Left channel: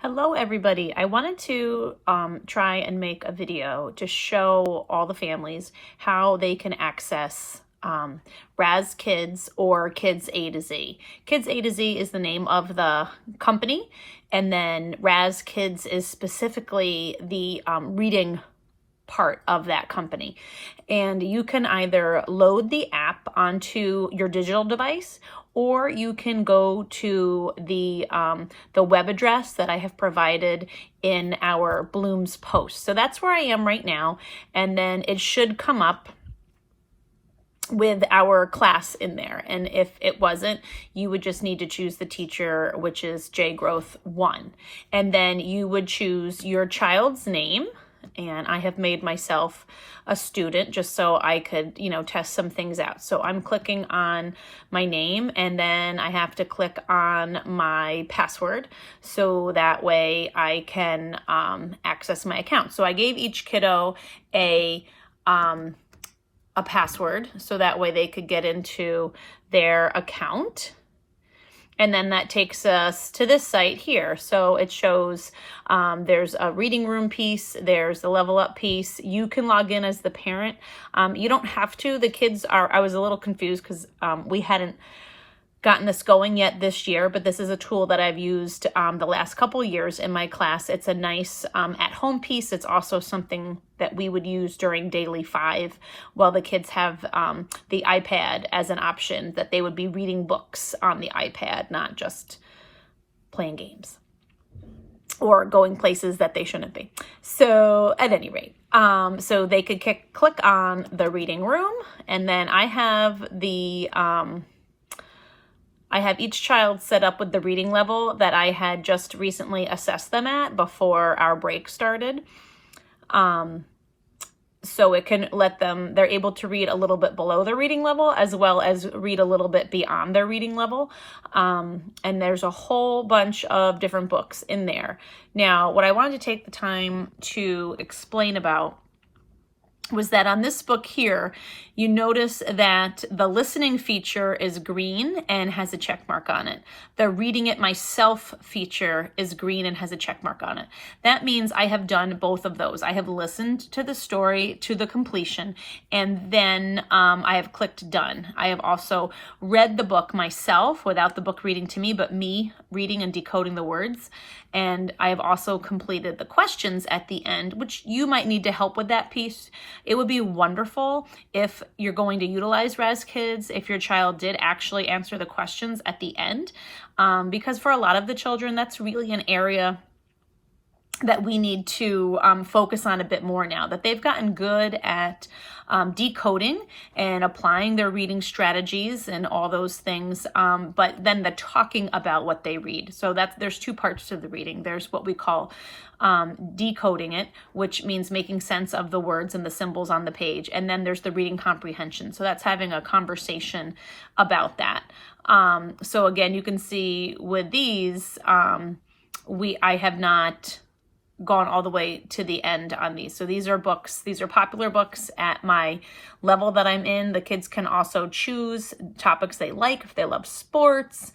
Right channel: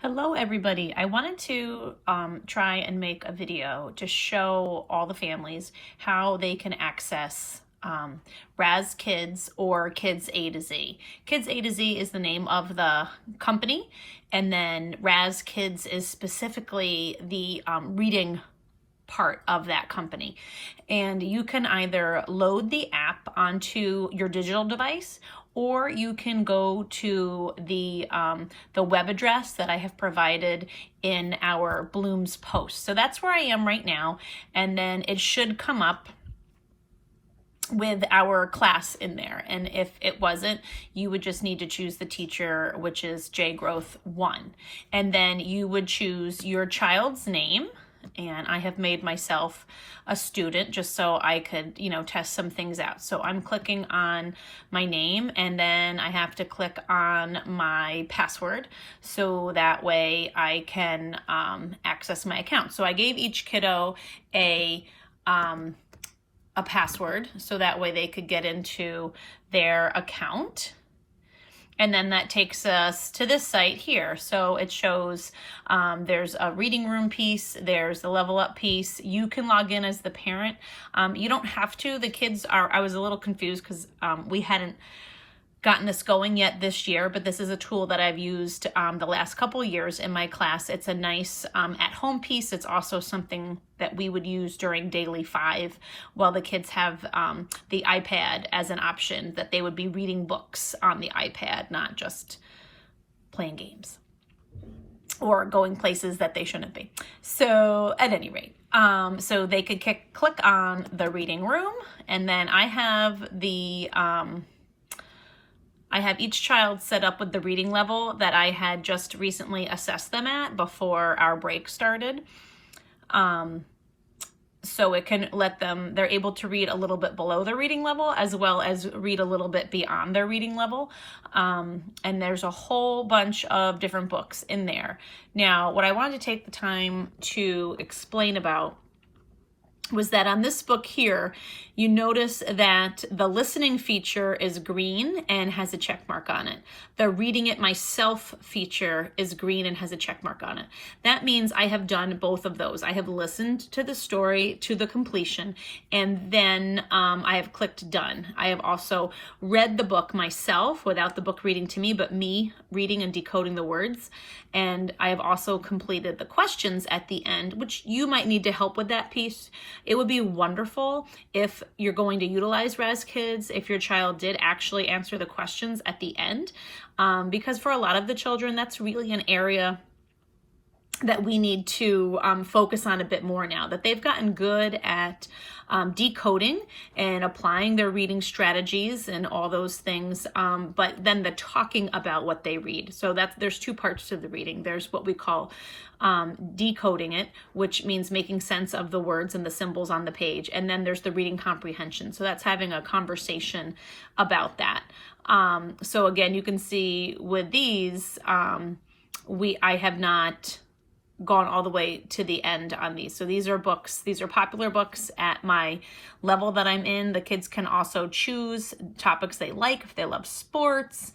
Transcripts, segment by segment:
Hello everybody. I wanted to try and make a video to show all the families how they can access Raz Kids or kidsA-Z. kidsA-Z is the name of the company, and then Raz Kids is specifically the reading part of that company. And you can either load the app onto your digital device, or you can go to the web address that I have provided in our Bloom's post. So that's where I am right now, and then it should come up with our class in there. And if it wasn't, you would just need to choose the teacher, which is J Growth 1. And then you would choose your child's name. And I have made myself a student just so I could, test some things out. So I'm clicking on my name, and then I have to click on my password so that way I can access my account. So I gave each kiddo a password so that way they could get into their account. And then that takes us to this site here. So it shows there's a reading room piece, there's the level up piece. You can log in as the parent. You don't have to. The kids are, I was a little confused because we hadn't gotten this going yet this year, but this is a tool that I've used the last couple years in my class. It's a nice at-home piece. It's also something that we would use during Daily 5 while the kids have the iPad as an option, that they would be reading books on the iPad, not just playing games or going places that they shouldn't be. So at any rate, so they could click on the reading room, and then I have each child set up with the reading level that I had just recently assessed them at before our break started. So it can let them, they're able to read a little bit below the reading level as well as read a little bit beyond their reading level. And there's a whole bunch of different books in there. Now, what I wanted to take the time to explain about was that on this book here, you notice that the listening feature is green and has a check mark on it. The reading it myself feature is green and has a check mark on it. That means I have done both of those. I have listened to the story to the completion, and then I have clicked done. I have also read the book myself without the book reading to me, but me reading and decoding the words. And I have also completed the questions at the end, which you might need to help with that piece. It would be wonderful if you're going to utilize Raz Kids, if your child did actually answer the questions at the end, because for a lot of the children, that's really an area that we need to focus on a bit more now, that they've gotten good at decoding and applying their reading strategies and all those things, but then the talking about what they read. So there's two parts to the reading. There's what we call decoding it, which means making sense of the words and the symbols on the page. And then there's the reading comprehension. So that's having a conversation about that. So again, you can see with these, I have not gone all the way to the end on these. So these are books, these are popular books at my level that I'm in. The kids can also choose topics they like if they love sports.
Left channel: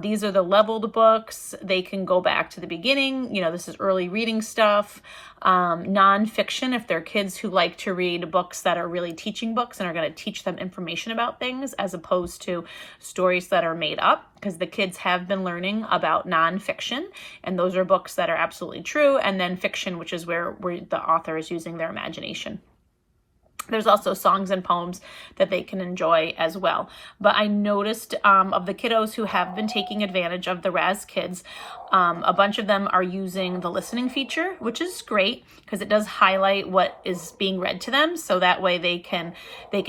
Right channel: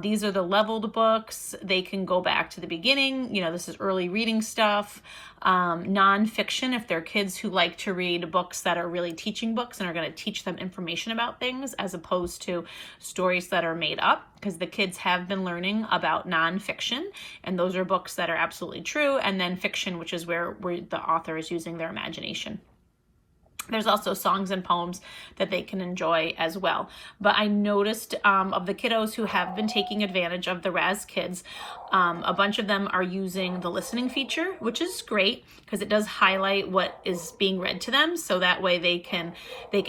These are the leveled books. They can go back to the beginning. This is early reading stuff. Nonfiction, if they're kids who like to read books that are really teaching books and are going to teach them information about things as opposed to stories that are made up, because the kids have been learning about nonfiction, and those are books that are absolutely true, and then fiction, which is where the author is using their imagination. There's also songs and poems that they can enjoy as well. But I noticed of the kiddos who have been taking advantage of the Raz Kids, a bunch of them are using the listening feature, which is great because it does highlight what is being read to them. So that way they can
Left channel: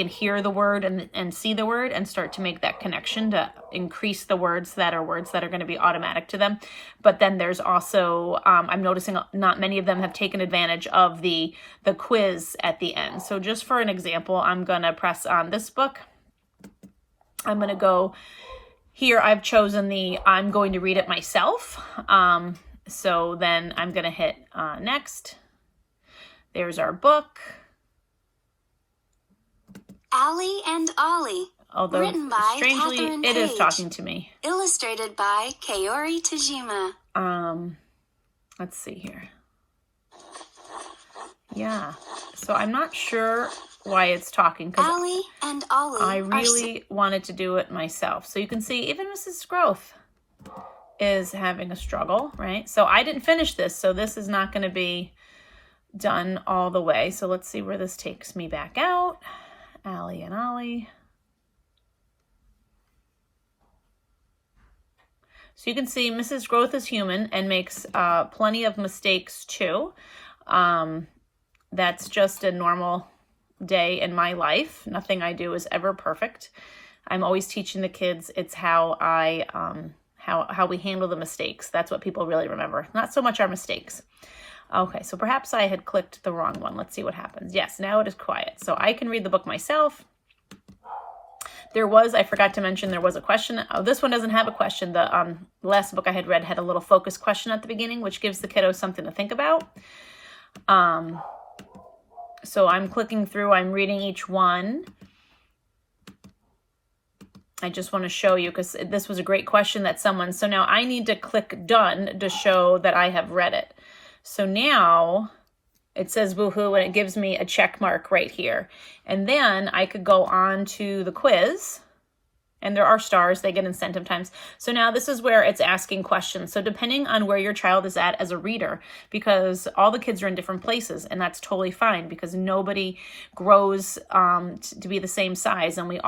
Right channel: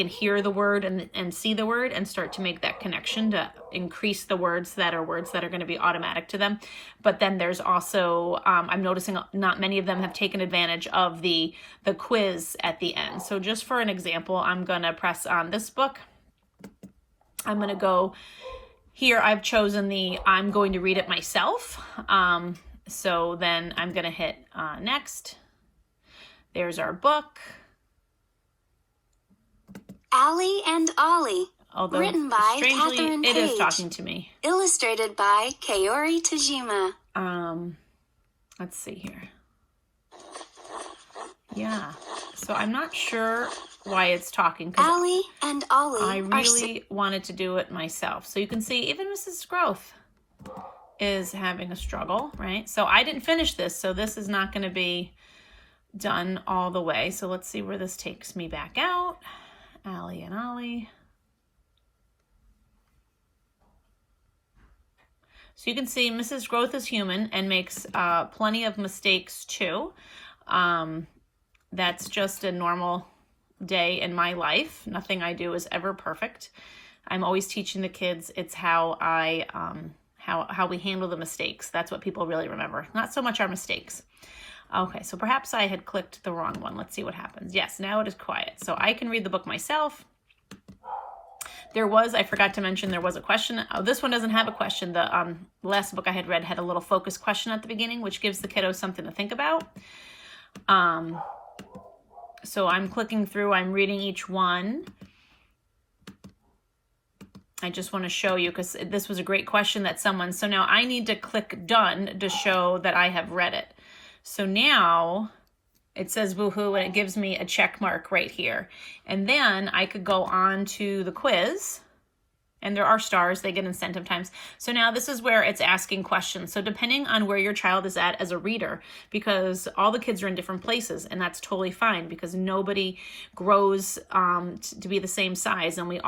hear the word and see the word and start to make that connection to increase the words that are going to be automatic to them. But then there's also, I'm noticing not many of them have taken advantage of the quiz at the end. So just for an example, I'm going to press on this book. I'm going to go here. I've chosen I'm going to read it myself. So then I'm going to hit next. There's our book. Allie and Ollie. Although, written by strangely, Catherine it Page. is talking to me. Illustrated by Kaori Tajima. let's see here. Yeah, so I'm not sure why it's talking. Allie and Ollie I really wanted to do it myself. So you can see even Mrs. Growth is having a struggle, right? So I didn't finish this, so this is not going to be done all the way. So let's see where this takes me back out. Allie and Ollie. So you can see Mrs. Growth is human and makes plenty of mistakes too. That's just a normal day in my life. Nothing I do is ever perfect. I'm always teaching the kids it's how how we handle the mistakes. That's what people really remember. Not so much our mistakes. Okay, so perhaps I had clicked the wrong one. Let's see what happens. Yes, now it is quiet. So I can read the book myself. I forgot to mention, there was a question. Oh, this one doesn't have a question. The last book I had read had a little focus question at the beginning, which gives the kiddos something to think about. So I'm clicking through, I'm reading each one. I just want to show you because this was a great question that so now I need to click done to show that I have read it. So now it says woohoo and it gives me a check mark right here. And then I could go on to the quiz. And there are stars, they get incentive times. So now this is where it's asking questions. So depending on where your child is at as a reader, because all the kids are in different places, and that's totally fine because nobody grows to be the same size. And we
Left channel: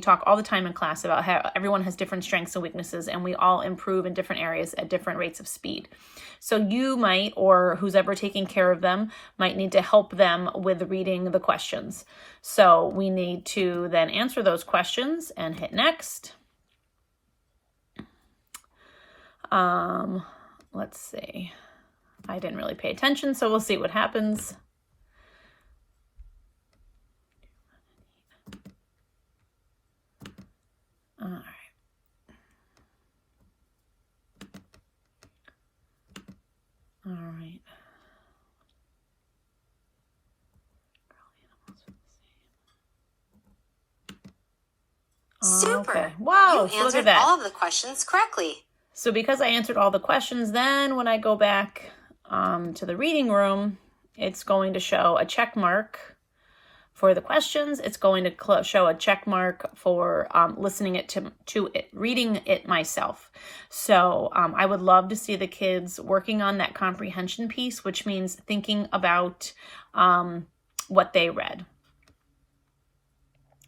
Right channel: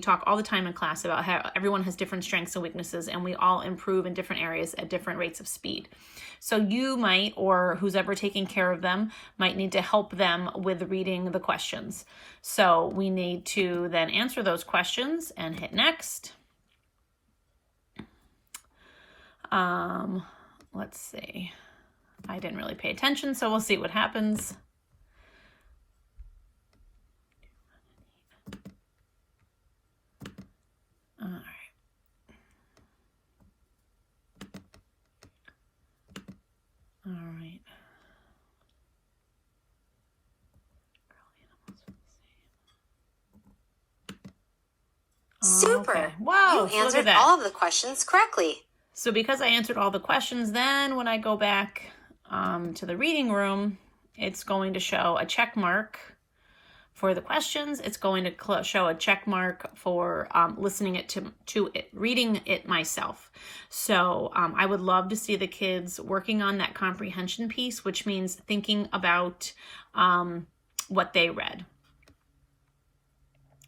talk all the time in class about how everyone has different strengths and weaknesses, and we all improve in different areas at different rates of speed. So you might, or who's ever taking care of them, might need to help them with reading the questions. So we need to then answer those questions and hit next. Let's see. I didn't really pay attention, so we'll see what happens. All right. All right. Super. Okay. Wow, You so look at answered that. all of the questions correctly. So because I answered all the questions, then when I go back to the reading room, it's going to show a check mark for the questions. It's going to show a check mark for listening to it, reading it myself. So I would love to see the kids working on that comprehension piece, which means thinking about what they read.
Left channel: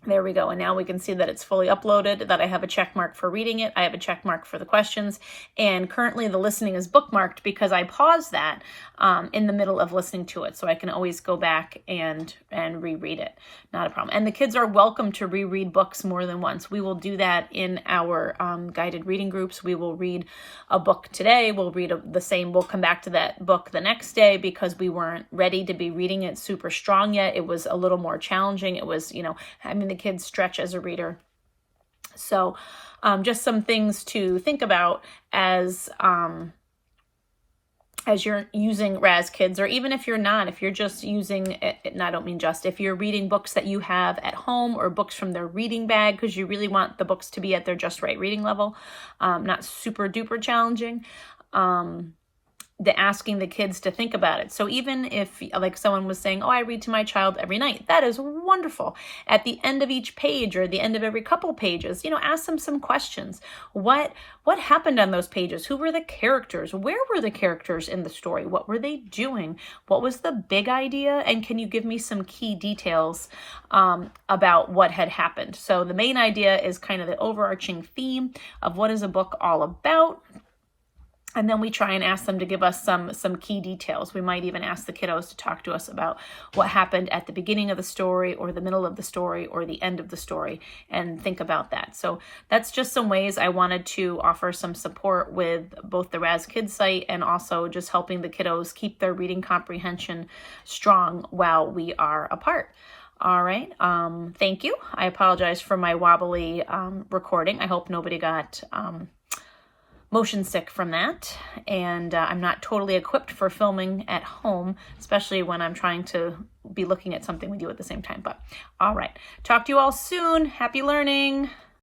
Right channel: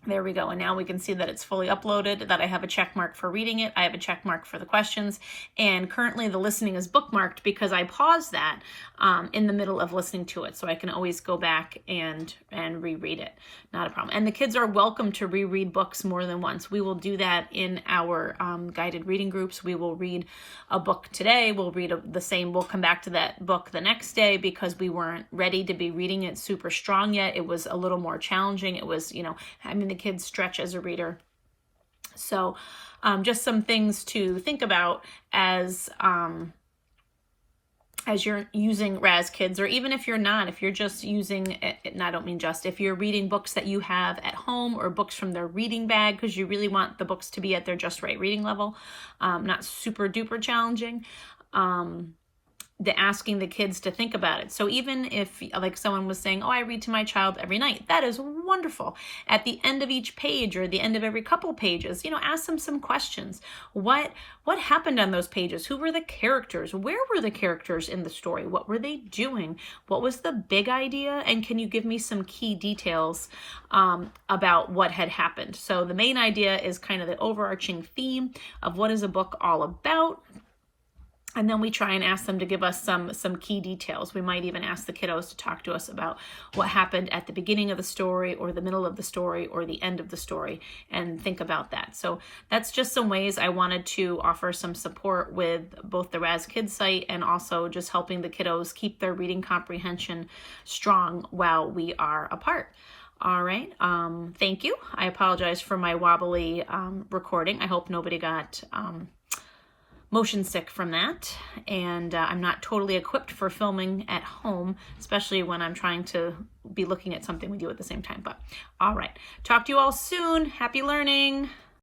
There we go. And now we can see that it's fully uploaded, that I have a check mark for reading it. I have a check mark for the questions. And currently the listening is bookmarked because I paused that in the middle of listening to it. So I can always go back and reread it. Not a problem. And the kids are welcome to reread books more than once. We will do that in our guided reading groups. We will read a book today. We'll read we'll come back to that book the next day because we weren't ready to be reading it super strong yet. It was a little more challenging. It was, having the kids stretch as a reader. So just some things to think about as you're using Raz Kids, or even if you're not, if you're just using it, and I don't mean just, if you're reading books that you have at home or books from their reading bag, because you really want the books to be at their just right reading level, not super duper challenging. The asking the kids to think about it. So even if, like someone was saying, oh, I read to my child every night, that is wonderful. At the end of each page or the end of every couple pages, ask them some questions. What happened on those pages? Who were the characters? Where were the characters in the story? What were they doing? What was the big idea? And can you give me some key details about what had happened? So the main idea is kind of the overarching theme of what is a book all about. And then we try and ask them to give us some key details. We might even ask the kiddos to talk to us about what happened at the beginning of the story or the middle of the story or the end of the story and think about that. So that's just some ways I wanted to offer some support with both the Raz Kids site and also just helping the kiddos keep their reading comprehension strong while we are apart. All right. Thank you. I apologize for my wobbly recording. I hope nobody got motion sick from that, and I'm not totally equipped for filming at home, especially when I'm trying to be looking at something with you at the same time. But all right, talk to you all soon. Happy learning.